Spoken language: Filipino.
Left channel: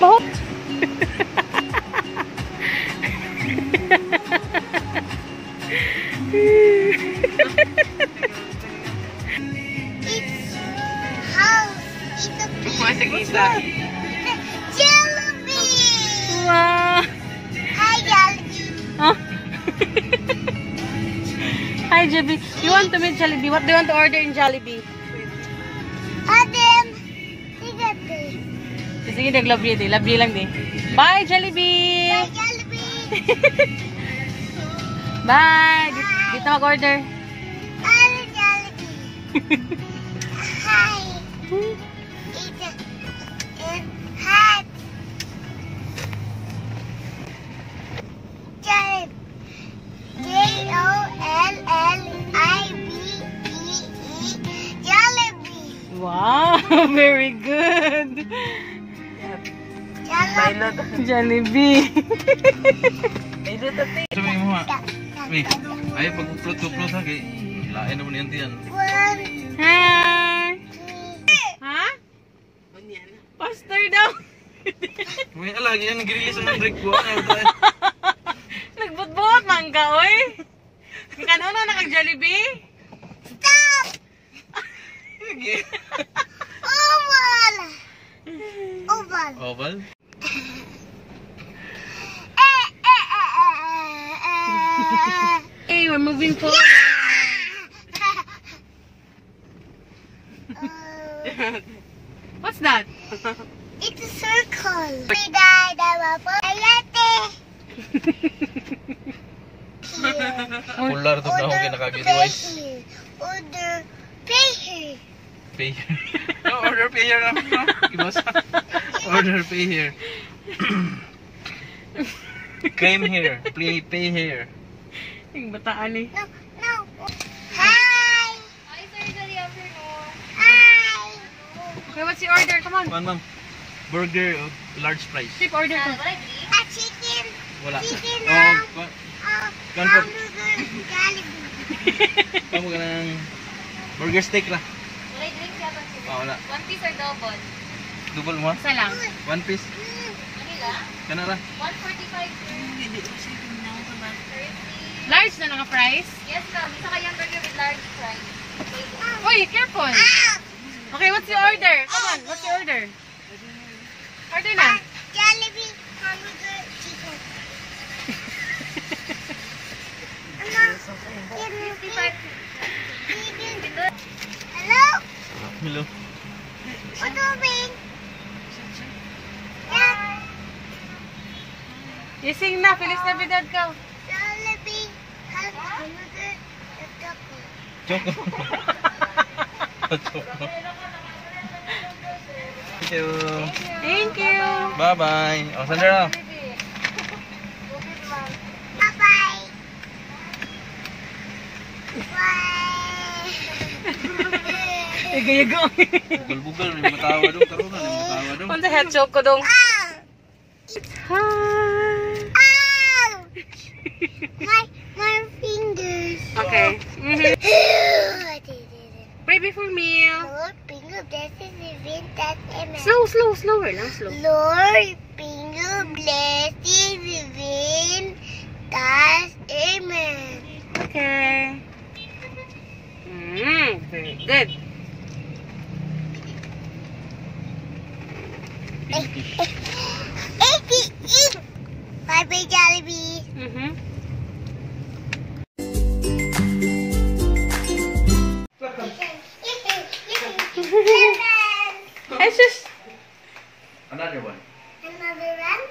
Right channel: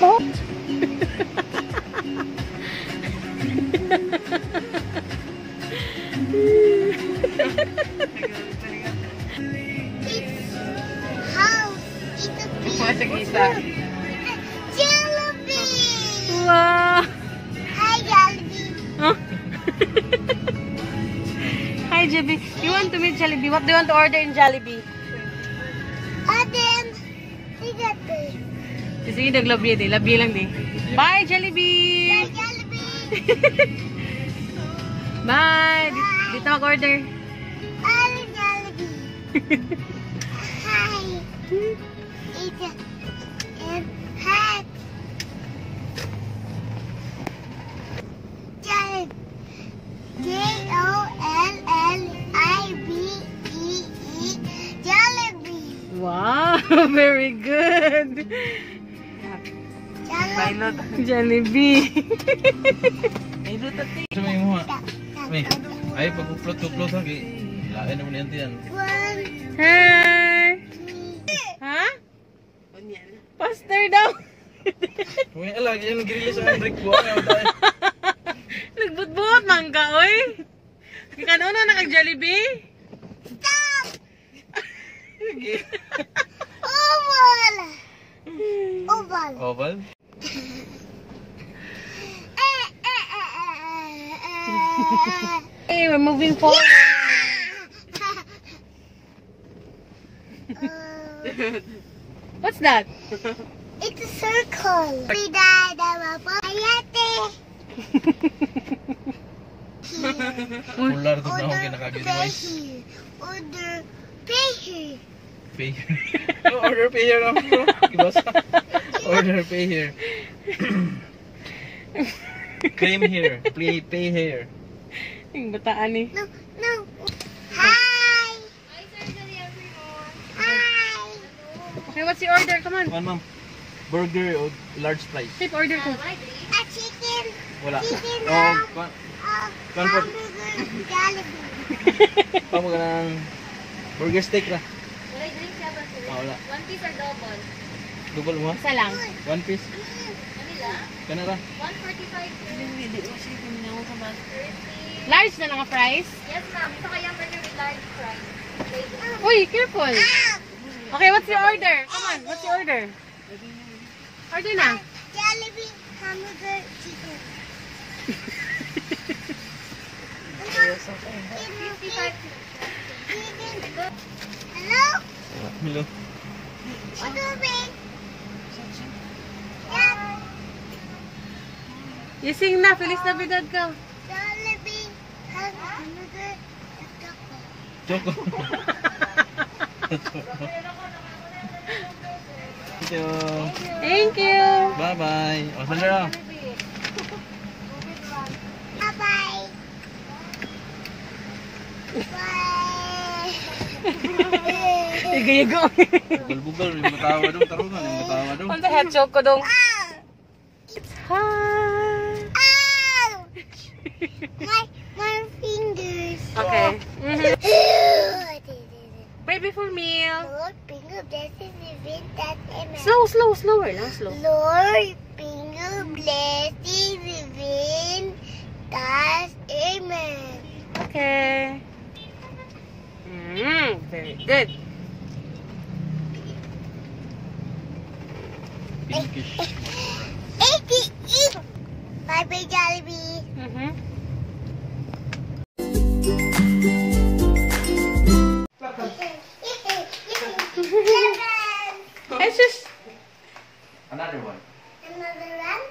Bahot. Masih kita. Jollibee. Wow. Hi, Jollibee. Oh. Hi, Jollibee. You want to meet Jollibee? What do you want to order in Jollibee? Adam, you got this. Sige, nag-love di. Love lang di. Bye, Jollibee. Hi, Jollibee. Bye. Dito mag-order. Hi, Jollibee. Hi. It's a hat. Jollibee. Jollibee. Jollibee. Wow, very good. Jollibee. Sabi mo ha. May, ay pag-upload ha kay lain naman yan tiyan. Hi. Ha? Poster daw. May alagi yan nag-release ang Andrick ko. Nagbutbut man ka, oy. Kano na naka-Jollibee? Stop! Oval! Oval! Oval? Hey, we're moving forward. What's that? It's a circle. Ayate! Pular to na ako kinakagidwise. Order pay here. Pay here. Oh, order pay here na po. Ibasa. Order pay here. Claim here. Pay here. Yung bataan eh. No, no. Hi! Hi, sir. Good afternoon. Hi! Okay, what's the order? Come on. Ano ma'am? Burger o large fries. Tip order ko. A chicken. Wala. Chicken Oh, hamburger Jollibee. Pamo ka ng burger steak na. Wala drink yata, sir. Ah, wala. One piece or double? Double mo? Isa lang. One piece. Manila? Kana ra. 145, sir. 30. Large na lang price. Yes, ma'am. Isa kayang burger with large fries. Okay. Uy, careful. Okay, what's the order? Come on, what's the order? Order na. Jollibee hamburger chicken. 55. Hello? Hello. Ano ba? Ising na, Feliz Navidad ka. Jollibee hamburger Choco. Choco. Thank you. Thank you. Bye-bye. Oh, Sandra. Bye-bye. Bye. Iga-iga. Bugol-bugol. May matawa doon. Tarungan. May matawa doon. On the head choke ko dong. Ow! Hi. Ow! My fingers. Okay. Wait before meal. Lord, finger blesses within that amen. Slower lang, slow. Lord, finger blesses within that amen. Okay. Very good. Eat. Bye-bye, Jollibee. It's just Another one. Another one?